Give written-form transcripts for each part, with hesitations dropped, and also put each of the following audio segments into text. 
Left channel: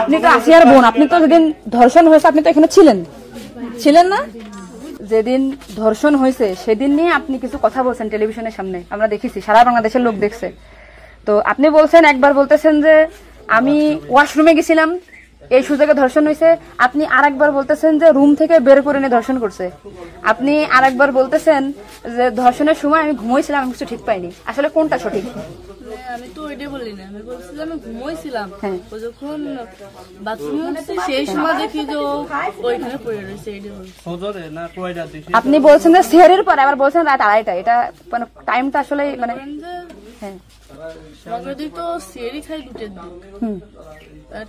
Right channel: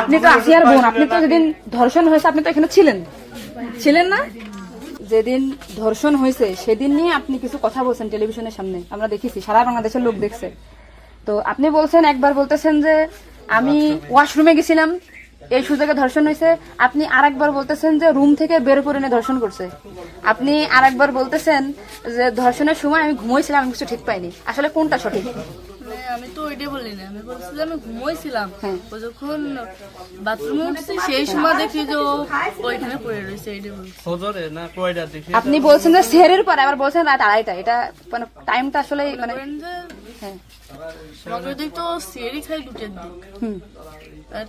আপনি তো আসিয়ার বোন, আপনি তো যেদিন ধর্ষণ হয়েছে আপনি তো এখানে ছিলেন না? যেদিন ধর্ষণ হয়েছে সেদিন নিয়ে আপনি কিছু কথা বলছেন টেলিভিশনের সামনে, আমরা দেখেছি, সারা বাংলাদেশের লোক দেখছে। তো আপনি বলছেন, একবার বলতেছেন যে আমি ওয়াশরুমে গেছিলাম এই সুযোগে ধর্ষণ হয়েছে, আপনি আরেকবার বলতেছেন যে রুম থেকে বের করে নিয়ে ধর্ষণ করছে, আপনি আরেকবার বলতেছেন যে ধর্ষণের সময় আমি ঘুমোইছিলাম, আমি কিছু ঠিক পাইনি। আসলে কোনটা সঠিক? আমি তো ওইটাই বলি না, আমি বলছি যে আমি ঘুমোইছিলাম, ও যখন বাথরুমে উঠছি সেই সময় দেখি যে ওইখানে পড়ে রয়েছে, এইটাই বলছি। আপনি বলছেন যে সেহরির পরে, আবার বলছেন রাত 2:30, এটা মানে টাইমটা আসলে মানে হ্যাঁ আমাকে তো সেহরি খাই 2টার দিক,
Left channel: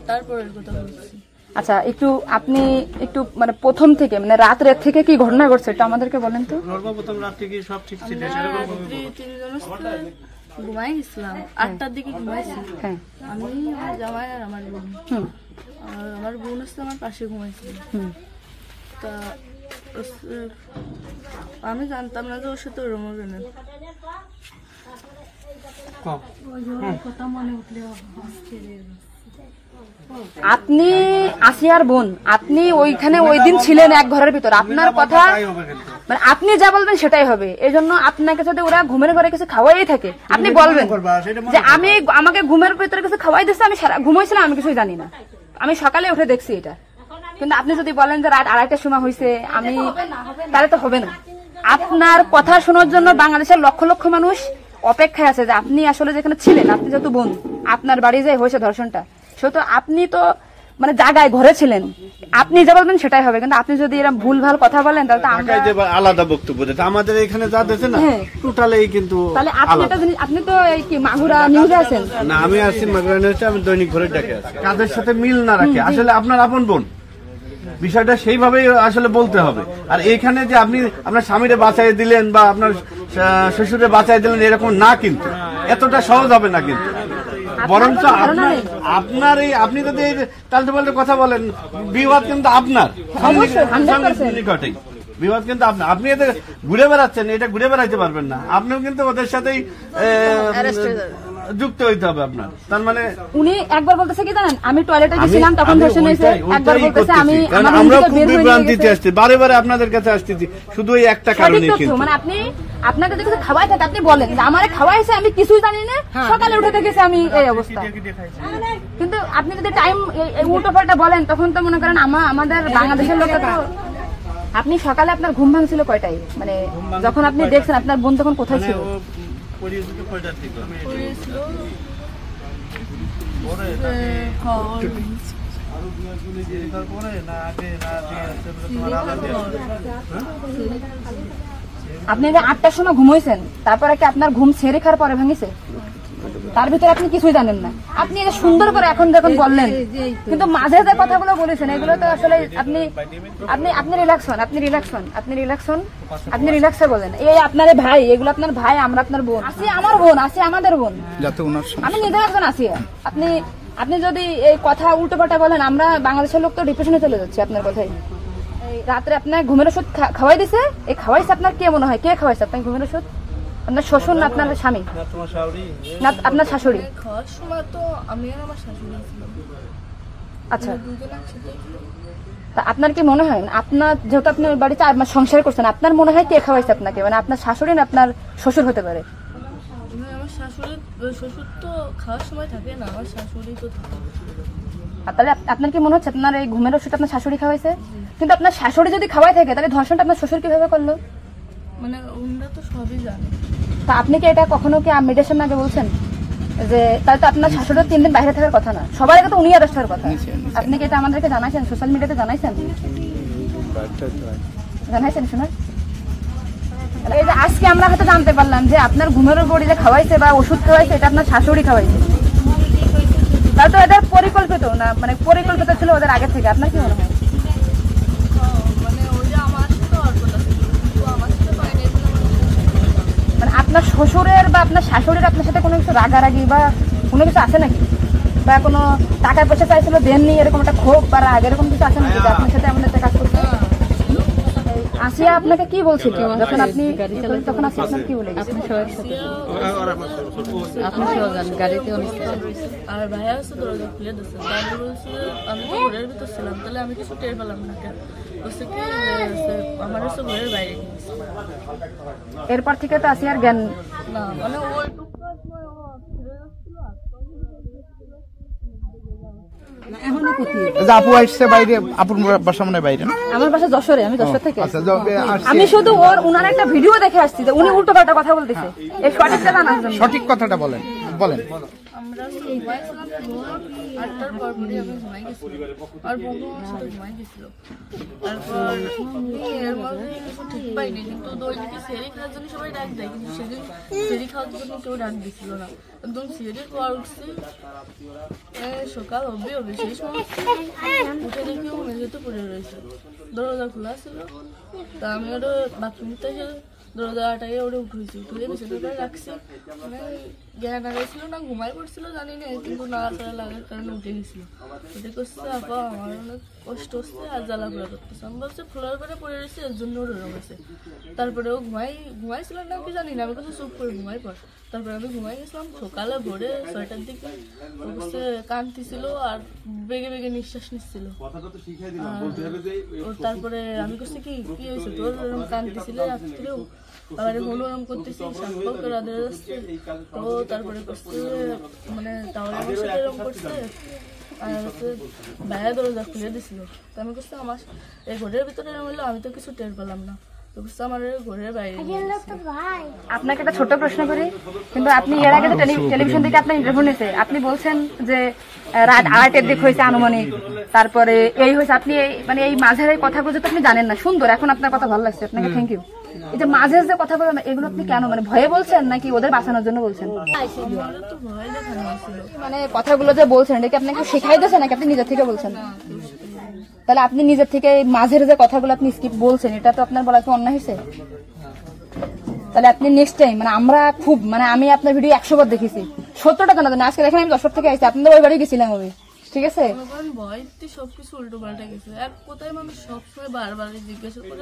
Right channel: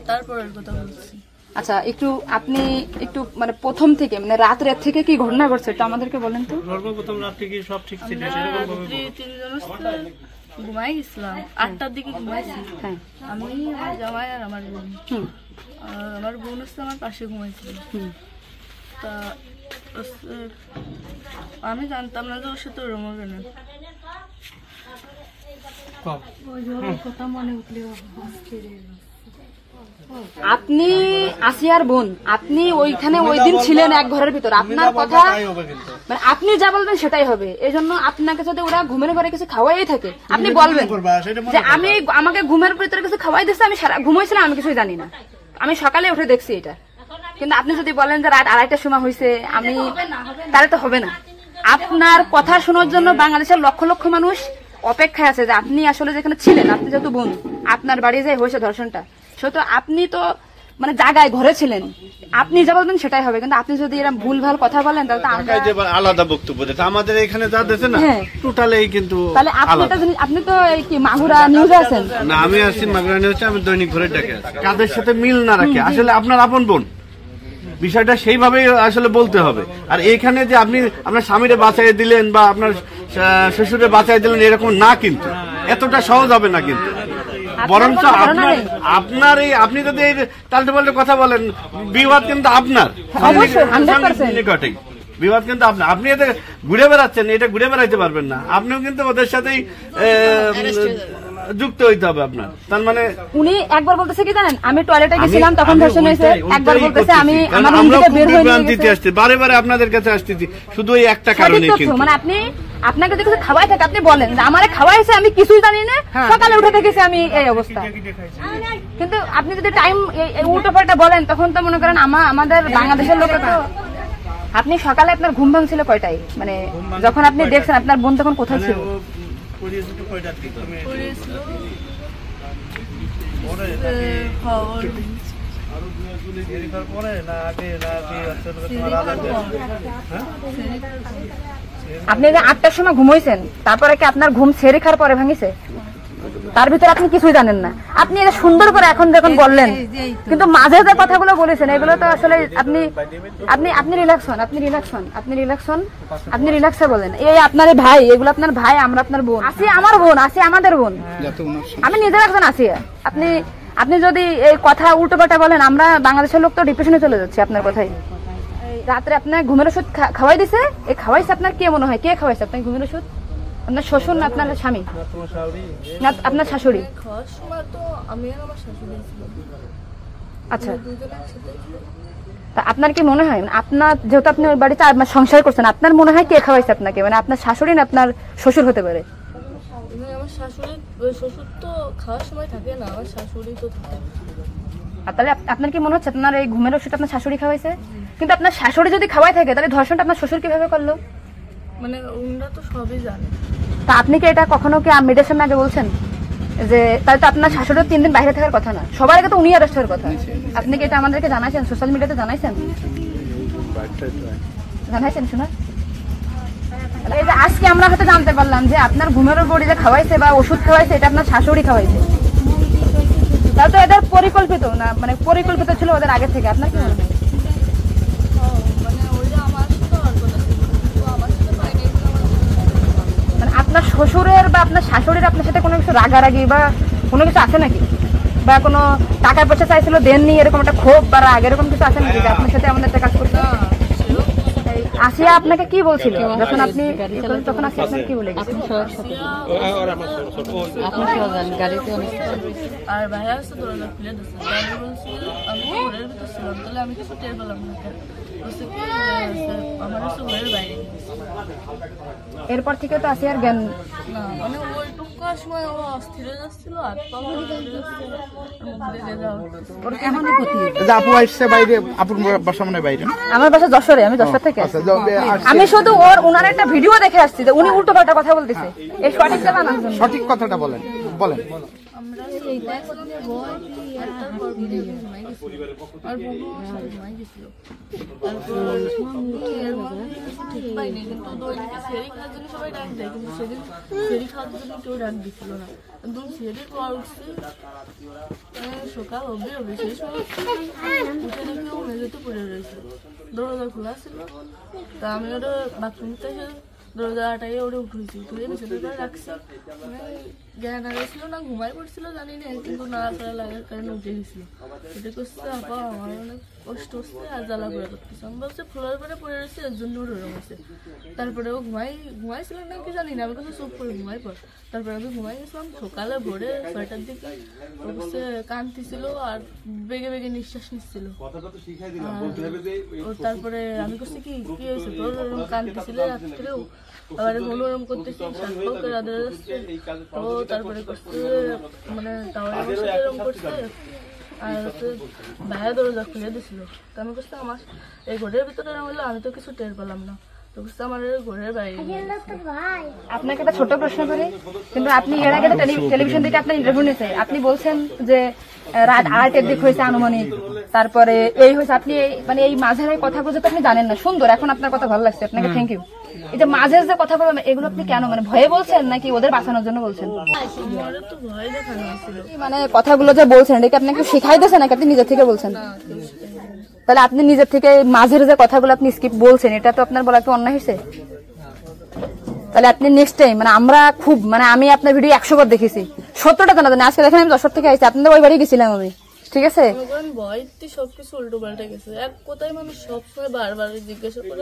তারপরের কথা বলছি। আচ্ছা, আপনি একটু মানে প্রথম থেকে মানে রাত থেকে কি ঘটনা ঘটছে এটা আমাদেরকে বলেন তো। সর্বপ্রথম রাত্রে কি সব ঠিক ছিল? ঘুমাই গেছিলাম 8টার দিকে ঘুমাইছি, আমি আমার জামাই আর আমার বোন, আমার বোন হচ্ছে আমার পাশে ঘুমাইছিল। তা আমি জানতাম না যে ওর সাথে ওরম হবে না। আপনি আসিয়ার বোন, আপনি ওইখানে ওই দিন ছিলেন এক ঘরের ভিতর, আপনার কথা মানে আপনি যা বলবেন সেটাই হবে। এই জন্য আপনাকে যদি ওরা ঘুমের ঘরে কিছু খাওয়াই থাকে আপনি বলবেন যে আমাকে ঘুমের ভিতরে কিছু খাওয়াই দিচ্ছে, আমি ঘুমাইছিলাম, আমি কিছুই জানি না, আমি সকালে উঠে দেখছি এটা। কিন্তু আপনি যদি বলেন যে রাত 2:30টার সময় হয়েছে, আমি তাহলে তো হবে না। আপনার কথা শোনার জন্য বাংলাদেশের লক্ষ লক্ষ মানুষ অপেক্ষায় আছে যে আপনি আসলে যেখানে ছিলেন, আপনি যেহেতু বোন, আপনার বাড়ি যাই হয়েছে ধর্ষণটা, সেহেতু আপনি তো মানে জায়গায় ঘরে ছিলেন, আপনি যা বলবেন সেটাই হবে। কিন্তু আপনি যদি এরকম ভুলভাল কথা বলেন তাহলে আলাদা বক্তব্য দিতে, আমাদের এখানে যা দিচ্ছে না টোটালি কিন্তু আপনি তো কি মাগুরা নিউজে আছেন না? আমি আছি মাগুরা নিউজে, আমি দৈনিক ঘরে ডাকে আছি। কাদের সাথে মিল না রাখে আসলে আপনার আপন বোন, বিষয়টা সেইভাবেই আসলে বলতে হবে। আর এখানে যে আপনি আপনার স্বামীরে বাঁচাই দিলেন বা আপনার শ্বশুরে বাঁচাই দিলেন এরকম না, কিন্তু এতটা সহজ হবে না। কিন্তু বরঞ্চ আপনার এই আপনি যদি তালটে পাল্টে কথা বলেন, বিবাদ কিন্তু আপনার নিকটেই, বিবাদ কিন্তু আপনার। আপনি এতে ঘুরে বেড়াচ্ছেন, এটা ঘুরে বেড়াইতে পারবেন না, আপনিও কিন্তু ওদের সাথেই যুক্ত হইতে হবে আপনার। তার মানে উনি একবার বলতেছে কি জানেন, আমি টয়লেটে গেছিলাম তখন ধর্ষণ হয়েছে, একবার বলতেছে আমি আমরা খুব বিভ্রান্তিতে আসছি, বারে বারে আপনাদের কাছে আসতেছি শুধু এই একটা কারণে। কিন্তু মানে আপনাকে যদি কিছু খাওয়াই থাকে আপনি বলেন যে আমারে খাওয়াইছে, আমি কিছুই জানি না, সকালে উঠে দেখেছি আমি এই অবস্থা। কিন্তু আপনি যদি টাইম উল্টো পাল্টা বলেন তখন তো মনে করেন আমাদের বাংলাদেশের লোক। আপনি সকালে আপনার ঘুম ভাঙছিল কয়টায়, মানে যখন আপনি দেখছেন আপনার বোন তখন কোথায় ছিল? আপনি 8টার সময় ঘুমাইছেন, তারপরে কি আপনার ঘুম ছেড়ে খাওয়ার পরে ভাঙিছে? তার ভিতরে আপনি কিছুই জানেন না। আপনি এটা সুন্দর করে এখন যখন বললেন, কিন্তু মাঝে যে কথাগুলো বলেছেন এগুলো তো আসলে আপনি রিল্যাক্স হন, আপনি রিল্যাক্সে বলেন। এই আপনার ভাই, এগুলো আপনার ভাই, আমরা আপনার বোন, আসি আমার বোন, আসি আমাদের বোন, আমি নিজের একজন আসি। আপনি যদি এই কথা উল্টো পাল্টা বলেন, আমরা বাংলাদেশের লোক তো ডিপ্রেশনে চলে যাচ্ছে আপনার কথাই। রাত্রে আপনার ঘুমের ওষুধ খাওয়াই দিছে, এই খাওয়াইছে আপনার কে মনে হয়, কে খাওয়াইছে আপনার ঘুমের ওষুধ? আপনার শ্বশুর না আপনার স্বামী না আপনার শাশুড়ি? আচ্ছা, আপনার কি মনে হয় আপনার যেহেতু আপনি ওই বাড়িতে সংসার করছেন, আপনার মনে হয় কে খাওয়াইছে আপনাকে, মানে আপনার শাশুড়ি না আপনার শ্বশুর হতে পারে? আমার শ্বশুর তো খাওয়ার সময় থাকে না, আমার শাশুড়ি তো থাকে। তাহলে আপনার কি মনে হচ্ছে আপনার এই ঘুমের ওষুধ আপনার শাশুড়ি খাওয়াইছে? কিন্তু আপনার শাশুড়ি যদি খাওয়াই থাকে তাহলে ধর্ষণটা আপনার শ্বশুর কিভাবে করলো? মানে ওনারা তো সবই জানে। তা আপনি কি এটা কখনো কি মিডিয়ার সামনে আগে বলছেন যে তাহলে তো আপনার শাশুড়ি 3 দিন বাইরে থাকার কথা না, সবার আগে তো উনি অ্যারেস্ট হওয়ার কথা? আপনি কি এটা আমাদেরকে জানাইছেন, সোশ্যাল মিডিয়াতে জানাইছেন শোনা? এই যে আজকে আমরা হয়তো জানতে পারলাম যে আপনার ঘুমের ওপর যে খাওয়াইছে বা ওষুধ খাওয়াইছে এটা আপনার শাশুড়ি খাওয়াইছে, তাহলে তো এটা পরিকল্পিত না, মানে পরিকল্পিত ছিল ওদের আগে থেকে। আপনার কি মনে হয়? মানে আপনার শ্বশুরের বা আপনার শাশুড়ির আপনার সাথে কোনো কিছু রাগারাগি বা কোনো কিছু আছে নাকি, বা কোনো টাকা পয়সা চাইছিল দেননি, এরকম একটা ক্ষোভ বা রাগ এরকম কিছু আছে নাকি যে আপনার সাথে আমাদের একটা কাজ করছে? আসিয়া আপনাকে কি বলছিল যখন আপনি তখন আসিয়া আপনাকে কি বলে গেছে? আর ভাইয়া আসছে দরজা খুলে দিচ্ছে, আমি বলছি আমি তো ঘরের ভিতর ছিলাম, তাহলে আমি কিছু টের পেলাম না কেন? বলছে কি আমার হচ্ছে ঘরের বাইরে নিয়েছে। এরপর থেকে তো আসিয়ার জ্ঞান না মানে ওইটুকু সময় ও অস্থির হয়ে যাচ্ছিল, হাত পা ঘুরে যাচ্ছিল, মুখ দেখে যাওয়া। আপু আসছে বাইরে, আপুর বাসা মনে হয় বাইরে। আমার বাসা যশোরে, আমি যশোর থেকে। আমি শুধু ওনার একটা ভিডিও দেখে আসছি যে উনি উল্টো পাল্টা কথা বলতেছে, এই সঠিকটা জানার জন্য। সঠিক কথাটা বলেন বলেন। আমরা ঘুমাইছিলাম, 8টার পর আমি ঘুমাই গেছিলাম, আর বোনও আমার সাথে ঘুমাই গেছিল। তারপর এর মধ্যে কিছু ঠিক পাইনি, কিন্তু দৈনিকে সেরি খাওয়ার জন্য সবাই ডাক দেয়, কিন্তু সেদিন সেরি খাওয়ার জন্য কেউ ডাক দিচ্ছিল না। একদম সেরির পর উঠছি, সকাল হবে সেই সময় উঠে দেখি ও মেঝেতে পড়ে রয়েছে, দরজা খোলা ছিল। তা আমি ওটা বাথরুমতে এসে দরজা আটাইয়ে ওটা উঠেছি, উঠে বিছানার পরে রাখছি, মানে জ্ঞান হারিয়েছিল না ঘুমাই পড়ছিল জানি না, কিন্তু নাড়াচাড়া লাগার কারণে উঠে গেছিল। উঠে করছে আপা আমার অনেক কষ্ট হচ্ছে আর জ্বালা ঘোরা করতেছে। আমি বলছি ফ্লোর করে পড়ে রয়েছে, এর জন্য ওর ওরম হয়েছে। তারপরে ও ঘুমাইছিল না কি জানি না, আমি কাছে চুপ করে ঘুমাই পর। তারপরে আমি ঘুমাই গেছিলাম, সকালে ভোরে 6টার দিকে ও করছে কাঁদতেছিল আর বেগে বেগে নিঃশ্বাস নিচ্ছিল। ও তারপরে আমি করছি কি হয়েছে তোর, ওরকম কাঁদতেছিল রাত্রেও, আবার ওরম করতেছি, শ্বাস করে আদরে যাচ্ছে। তো তারপরে করছে মানে তাও আমার সাথে এরকম করছে, আর হচ্ছে ভাইয়া দরজা খুলে দিছিল। তো আমি করছি আমার এই ঘরের ভিতরে হলো, আমি তো কিছু টের পেলাম না, তো করছে আমার ঘরের বাইরে। আপনাকে একটা ছোট প্রশ্ন করি, কিন্তু আপনি এর আগে তো টেলিভিশন থেকে আপনার ইন্টারভিউ নিয়েছে, আপনি বলছেন যে রাত 8টার দিক হয়েছে আনুমানিক, তারপরে এই হয়েছে, আপনি মানে এই মাঝের কথাগুলো তো আপনি জানেন না। সুন্দর, এখন আপনার কথা ভালো লাগছে, আপনাকে থ্যাংক ইউ। এই যে মাঝে যে কথা বলবেন এগুলো আপনি কেন, মানে ভয়ে বলছেন নাকি ওদের বাঁচানোর জন্য বলছেন? আমার তো ভয় দেখানো হয়েছিল। মানে কথাগুলো যে বলছেন এটা কি আপনাকে শেখাই দিয়েছে নাকি আপনি নিজের থেকে বলছেন? তাহলে আপনি নিজের থেকে মাঝের যে কথাগুলো আপনি স্কিপ বলছেন, এটা তো আপনার বলা তো অন্যায় হয়েছে। তাহলে আপনি নেক্সট টাইম, মানে আমরা খুব, মানে আমি আপনার ভিডিও 100 বার দেখেছি, 70টা তো না, আজকে দেখেন আমি 10 থেকে আসছি, আপনাদের ওই বাড়ি গেছিলাম আমি, ঠিক আছে? ভয়তে সবকিছু উল্টো পাল্টা গেছে, এক কথায় মানুষ সবসময় বারবার জিজ্ঞাসা করে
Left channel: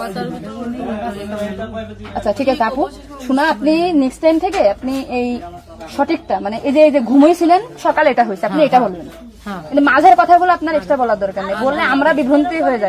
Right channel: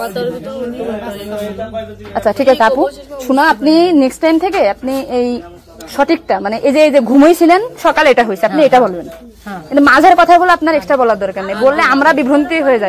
মাথার ভিতরে উল্টো পাল্টা হয়ে গেছে। আচ্ছা ঠিক আছে আপু, শোনা, আপনি নেক্সট টাইম থেকে আপনি এই সঠিকটা, মানে এই যে ঘুমাইছিলেন সকালে এটা হয়েছে, আপনি এটা বলবেন, কিন্তু মাঝের কথাগুলো আপনার এক্সট্রা বলার দরকার নেই, বললে আমরা বিভ্রান্তি হয়ে যাই।